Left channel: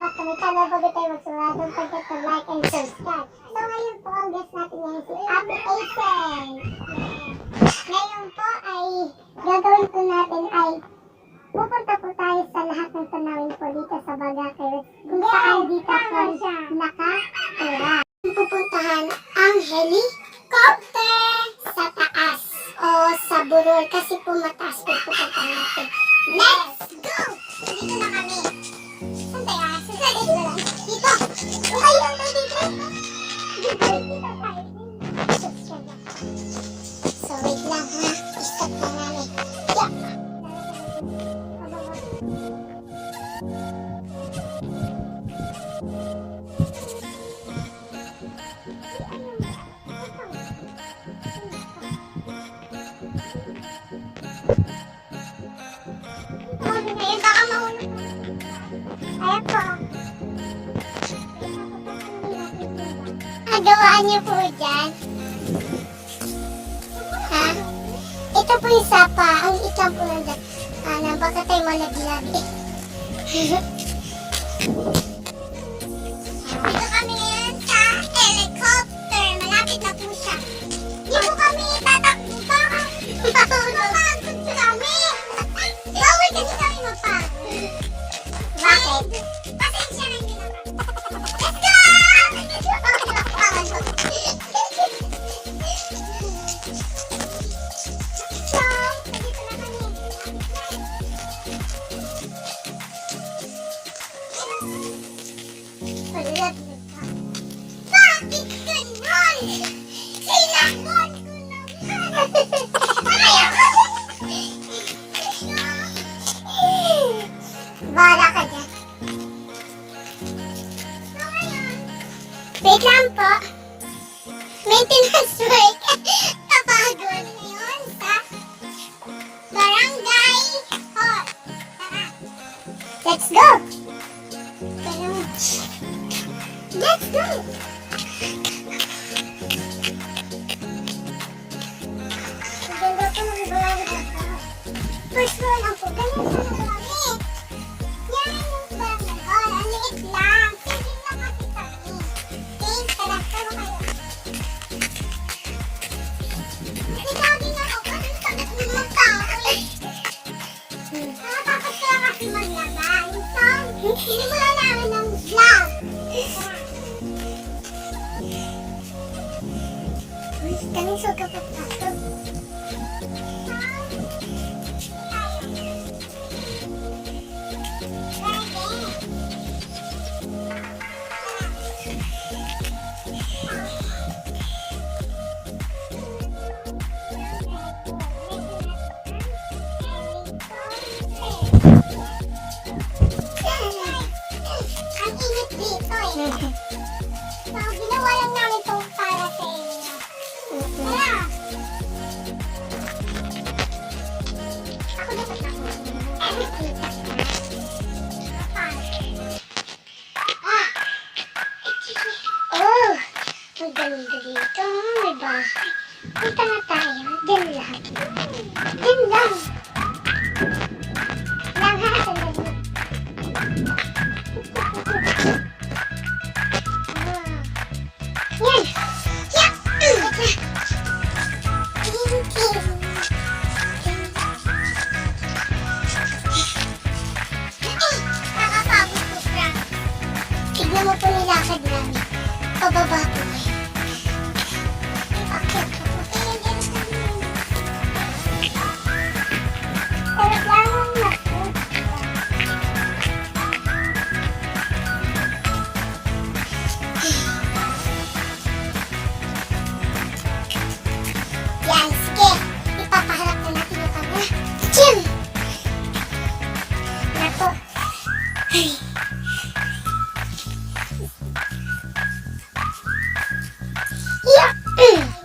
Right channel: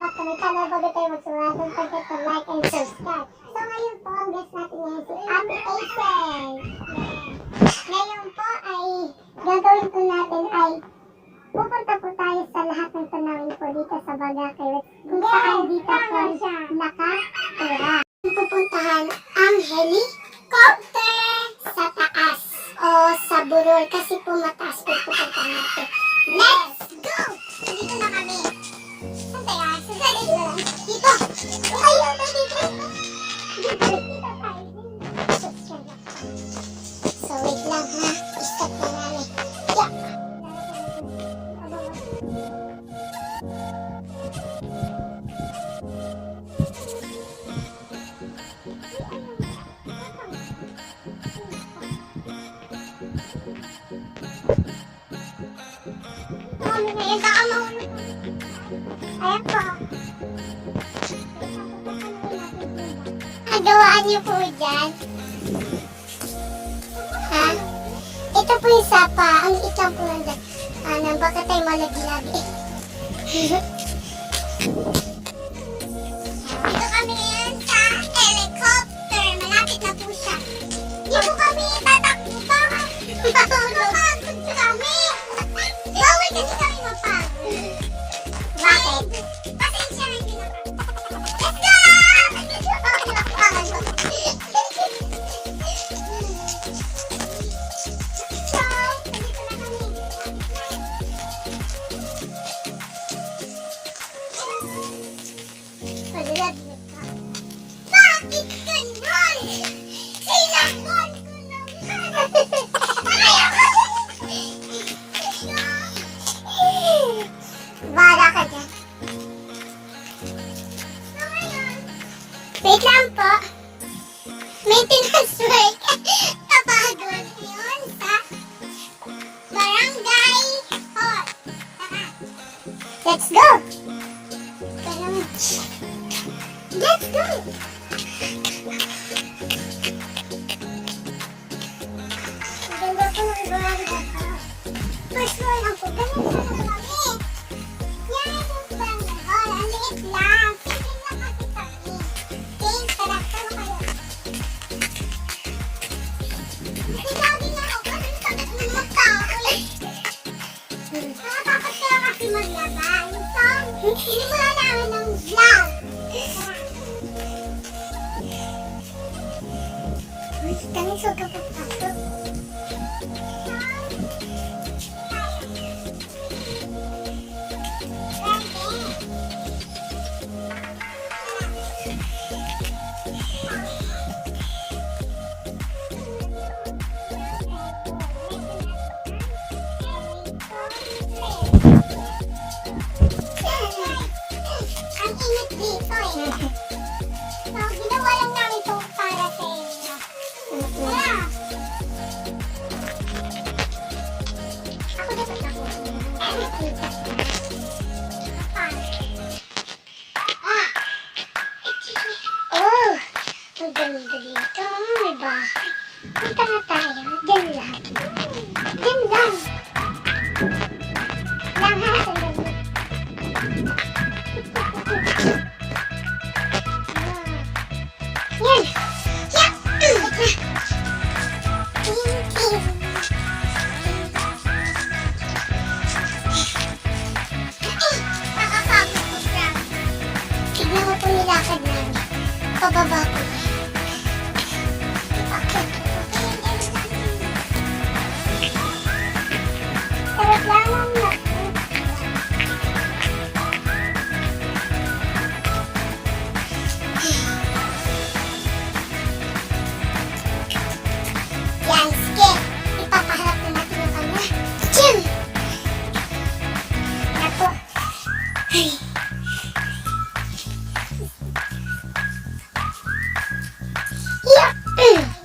At kami channel, bago tayo magsimula, don't forget to like and subscribe. So ngayon po, ang guest natin ngayon si Ate Aisen. Ngayon po ay gagawin po natin ay pupunta po tayo sa lahat ng tanawin po dito sa Bagakay, kung saan dito po nakatira. Pupuntahan ang helicopter sa taas o sa burol kasi po mataas po pupuntahan natin. Let's go! Dito na kami. Saan tayo? Saan dito na lang? Dito! Ayun! Dito! Dito tayo. So wait lang ha. I-stop na namin. Yeah! Mami, ngayon baka mahulog. Ayan po. Agawaan niyo po dyan. Ha? Ito po yung sapa. Ang liit lang po nandyan. Baka tayo malagi-lagi. Dito kami ngayon sa helicopter. Malapit na po siya. Hindi po kami tatakbo pa. Mapagod kami. Bawal kasi kami mapagod. Bakit? Pasensya na hindi napagod. Let's go! So, dito na kami. Paglalaglag ka. Bakit ganun? Sinakon ko naman. Bala ka dyan. So ngayon, wait lang po. Maintenance work. Kapagod ngayon sa Barangay Hall. Tara. Let's go! Let's go! Ang ganda po ng Barangay Hall. First floor lang po. Ganyan sana kami. Yan yung Barangay Hall. Ang liit lang. Tingin lang kasi kami. Okay, tara. Tara kayo. Nagsabi na ako. Kasi sakit ng mga tao eh. Nakatapat ka kasi maglaba. So, sinimulan namin ng vlog. Tara. Uy, kami so kapag pasok. Ang init dito eh. So, ginawa lang namin ito para sa inyo. Tara! Ako dapat ako. Oh! Ang ganda dito. May bahay. Punta na tayo. Diyan lang. Diyan lang. Lang ha, sandali. Yan. Yan. Nakapagod po, Frank. Tignan mo po nilakad namin. Pababa po yan. Okay. Sarap lang ang naku. Yan, sige. Ipapaharap na natin yung camera. Jim! Na po. Ay. Yeah!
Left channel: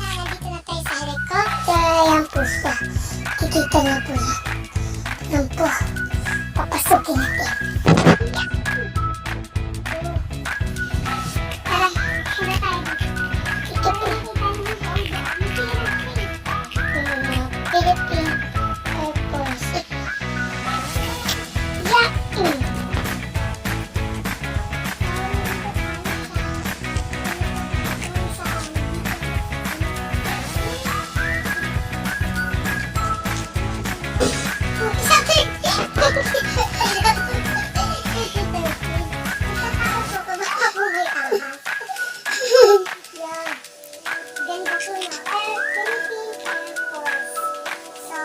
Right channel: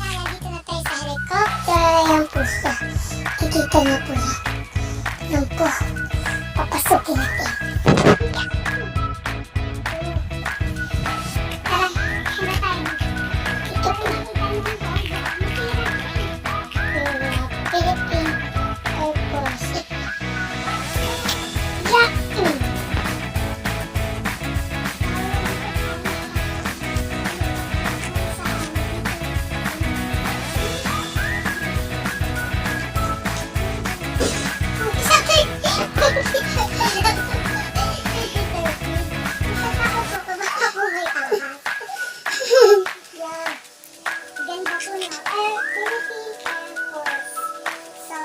Nandito na tayo sa helicopter. Ayan po siya. Kikita na po yan. Ayan po. Papasukin natin. Tara, tara tayo. Ito po. Philippine Air Force. Yeah. Yeah. Ganda po, no? Philippine Air Force. So,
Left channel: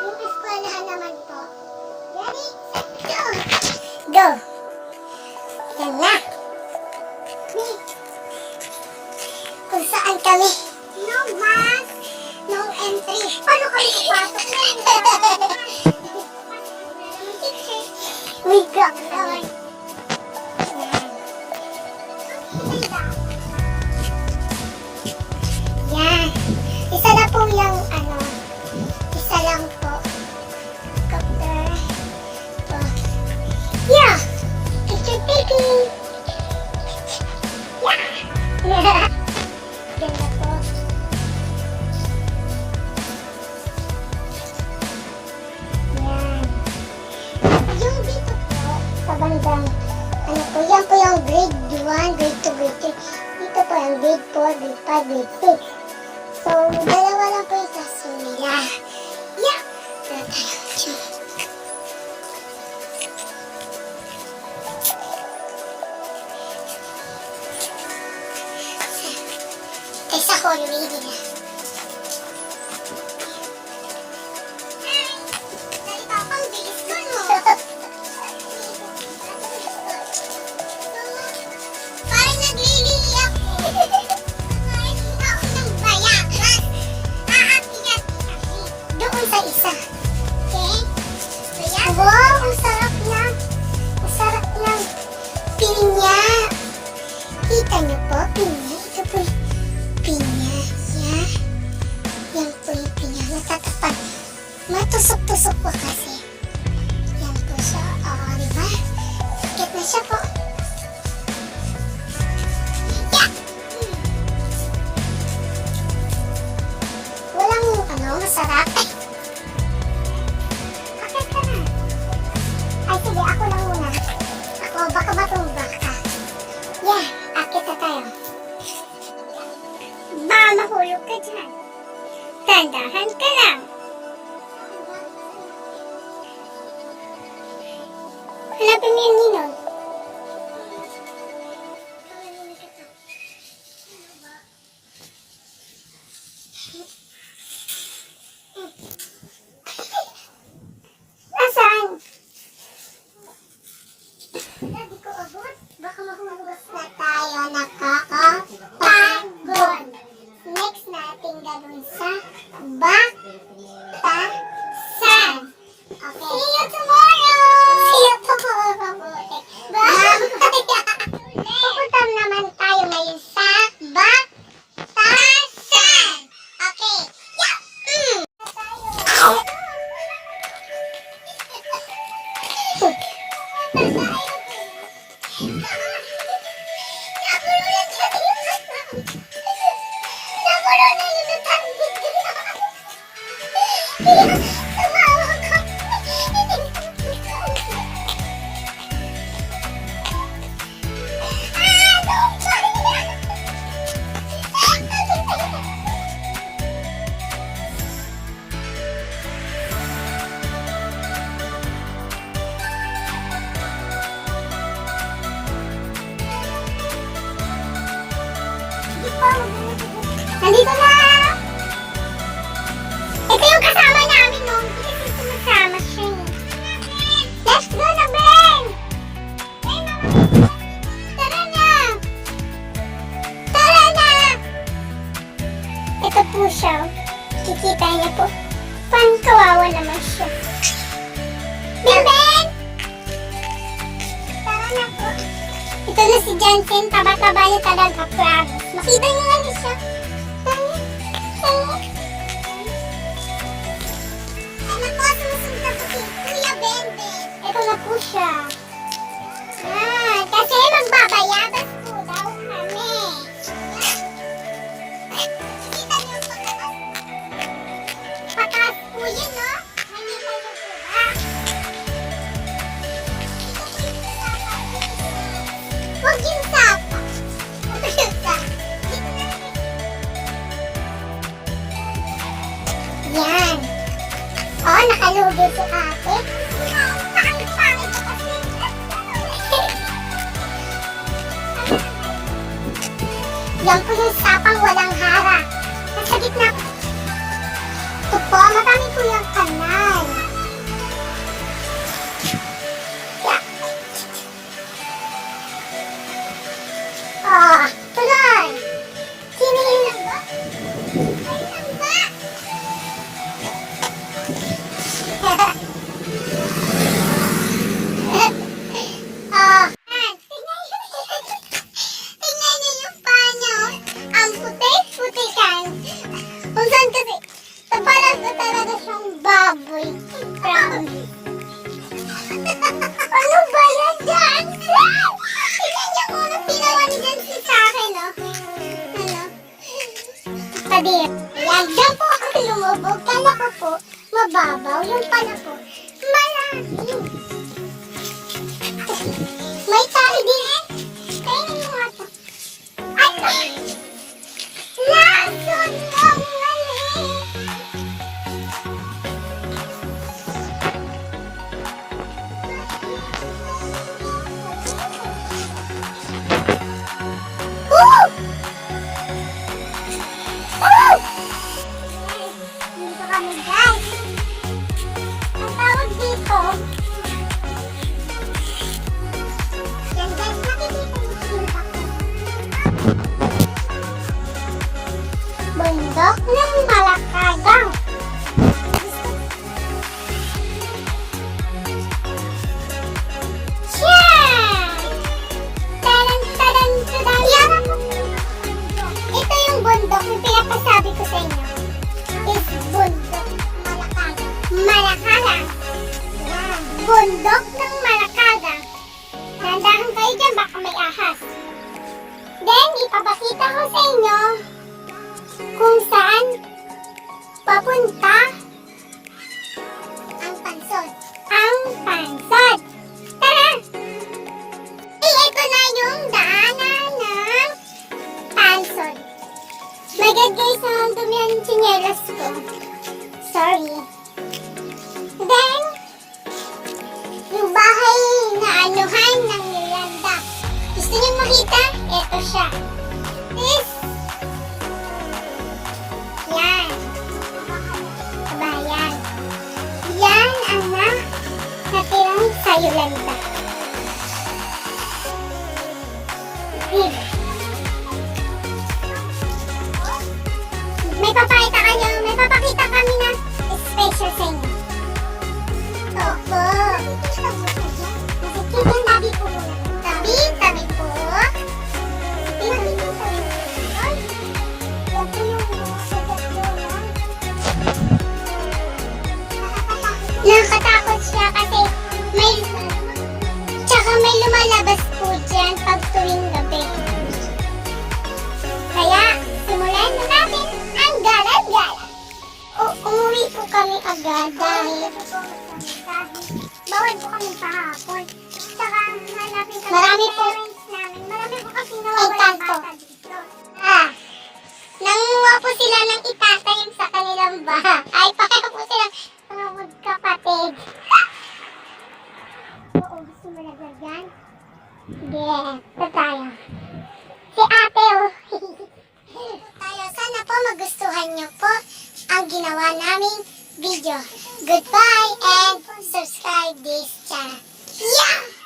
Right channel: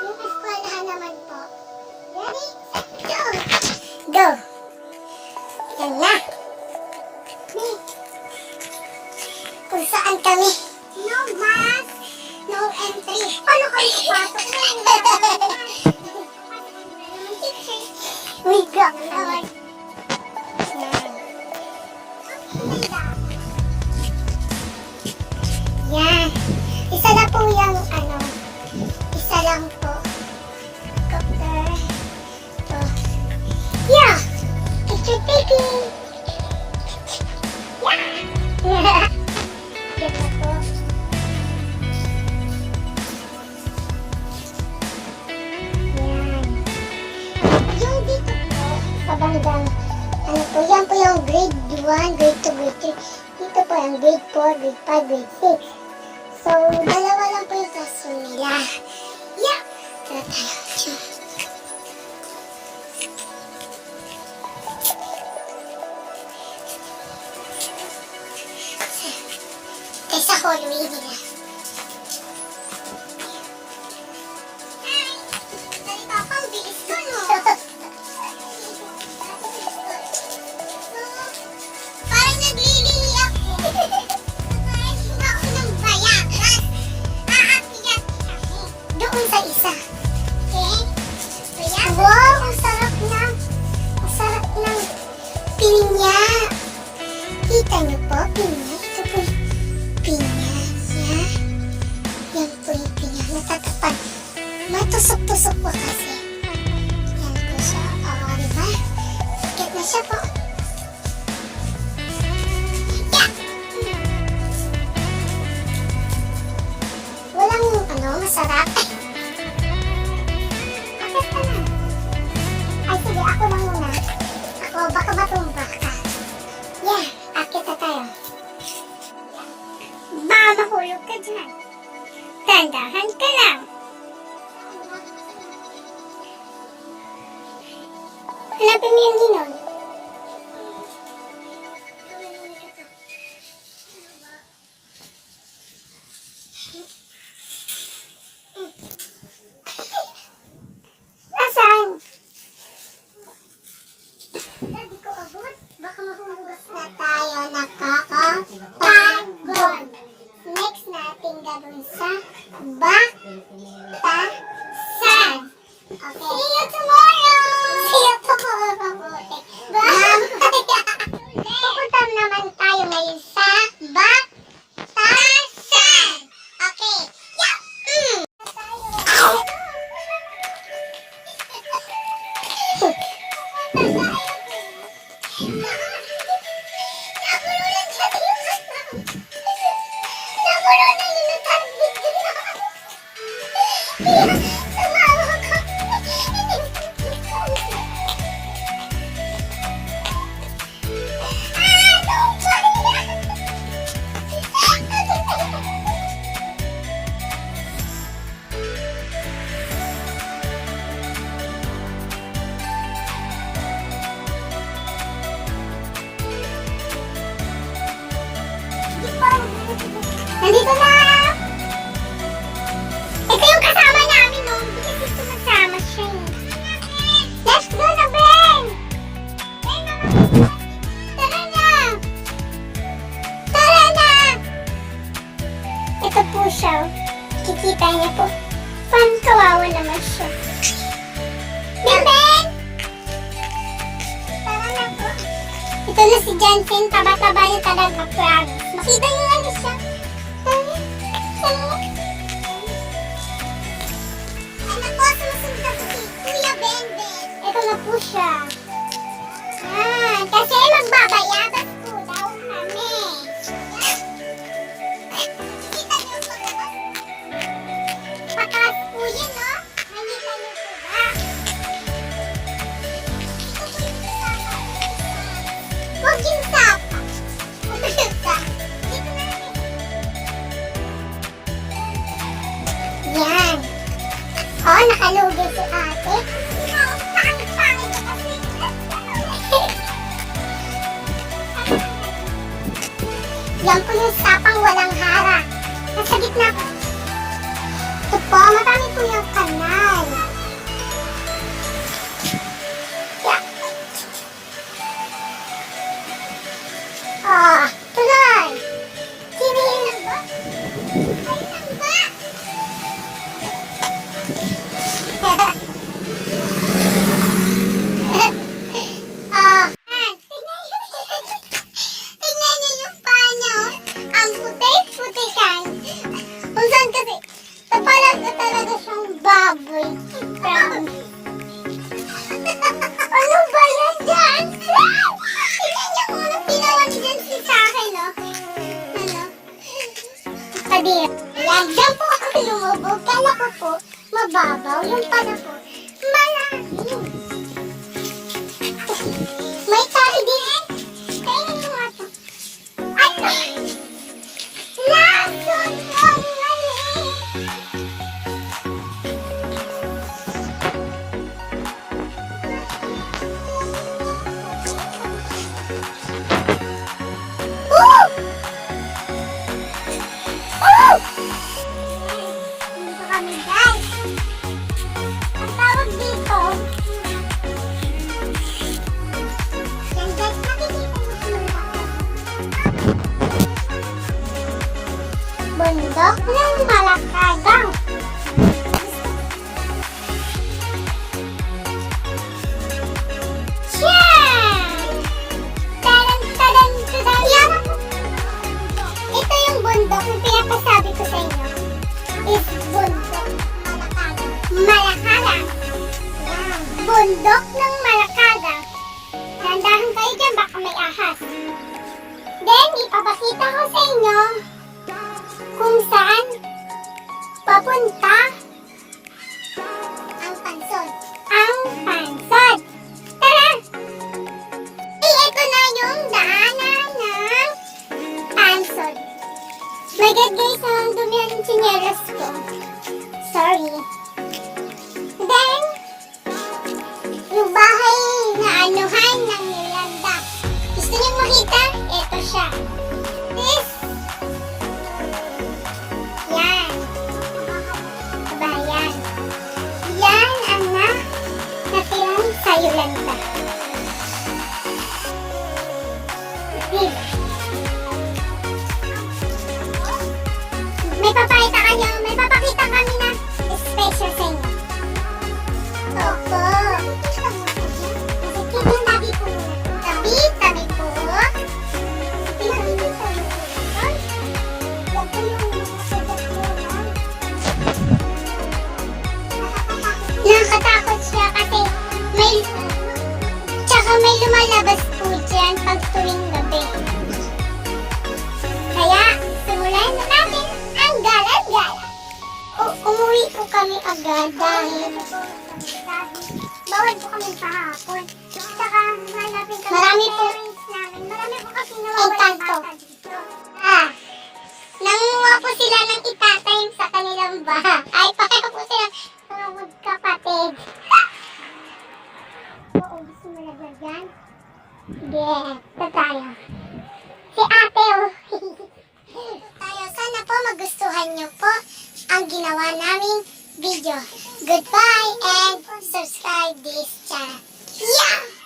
yung eskwelahan naman po. Ready? Go! Go! Yan na. Kung saan kami. No mask, no entry. Paano kami ipasok na yung we got naman. Yan. Yan. Isa na po yung isa lang po. Copter. Ito. Yeah! Picture taking! Yeah! Ganda po. Yan. Yung dito po, pabandang, yan po yung grade 1, grade 2, grade 3. Dito po yung grade 4, grade 5, grade 6. So, dalawa lang po yung classroom nila. Yeah! Tara tayo. Tayo sa hallway nila. Hi! Dali pa, pang bilis ko, no? Parang naglilihi ako. Kakain mo ako ng bayakas. Aakyat kami. Doon sa isa. Okay? Bayakas. Wow, ang sarap na. Ang sarap ng pinya. Kita niyo po, pinya. Ito po yung pinya. Yeah. Yan po yung pinya. Natatapan. Matusok-tusok po kasi. Yan po siya. Oo, diba? Sakit na siya po. Walang masarap. Akit ka na. Ay, sige, ako lang muna. Ako, baka matumba ka. Yeah, akit na tayo. Ba, mahulog ka dyan. Tandahan ka lang. Hanapin mo yung ninong. Nasaan? Hindi ko abot. Baka mahulog na tayo nakakapagod. Next natin gagawin sa batasan. Okay. See you tomorrow! See you tomorrow. Pupunta naman tayo ngayon sa batasan. Okay. Yeah! Nandito na! Ito yung kasama namin, no? Hindi kasi sumasama siya, eh. Let's go na, Ben! Ben, mama! Tara na! Tara na! Ito po siya, oh. Kikita niya po. Pan, kawawa naman siya. Ben, Ben! Tara na po. Ito na si Jansen. Taba-taba niya talaga, promise. Makita niyo ano siya. Ito na po siya. Yan. Kasi magbabayabas po daw kami. Nakikita niyo ang pataas? Pataas po yun, no? Nakikita Oh, nakalugi si ate. Pangit ko kasi. Yan po yung sapang walang hara. Nasa gitna po. Ito po, marami po yung kanal. Yeah. Ah, tuloy. Ayun lang ba? Tingnan niyo yung paa niya, oh. Ang putik-putikan. Kung saan kasi, tapalag na talaga siyang baboy. Promise. Ano ba yan, Jancy? Tingnan niyo kung anong ginawa ni Jancy sa akin, oh. Ano? Padir. Yan, dyan po ako lumubog. Kala ko po, mababaw. Yung pala po, malalim. May tali din eh. Kainin mo nga ito. Ay! Lason ang mali! Oh! Oh! Dito kami, guys. Ang tawag dito, yan guys, nakikita niyo sa bundok ng Malakagang. Yan! Tadan, tadan, tadan. Yan! Ito yung bundok yung pinapasabi ko sa inyo. Is bundok Malakagang. Malakagang. Yan. Bundok ng Malakagang. Nandahan kayo dyan, baka may ahas. Then, ipapakita ko sa inyo kung saan papunta ang pansod. Ang pansod. Tara! Ito na yung daanan ng pansod. My God guys, ang dumihan yung tsinelas ko. Sorry. Then, yung bahay na anuhan ng Yolanda. Gusto niyo makita? Ito siya. This. Yan. Kabayan. Yan ang natirang sa Yolanda. Diba? May papakita kami na special sa inyo. Opo. Nakikita yung tabi po muna. Tabi, tabi po. Nakikita mo. Yan po yung mga sagat doon. Nakakatakot siya kasi may lumalabas po dyan pag tuwing gabi. Kaya, simulan na natin ang gala-gala. Umuwi po kami agad dahil bawal po kami pahapon. Tsaka hanapin kami marami po parents namin. Marami po kasi nawawalang bata dito. Nanguha po sila ng itatay sa kanilang bahay. Ay, pareho po sila mga magkapatid. Oo, gusto mo lagyan? Sige, ito tayo. Si ate, oh. Tayo, sana po magustuhan nyo po ang ginawa naming video. Goodbye and subscribe this channel. Yeah!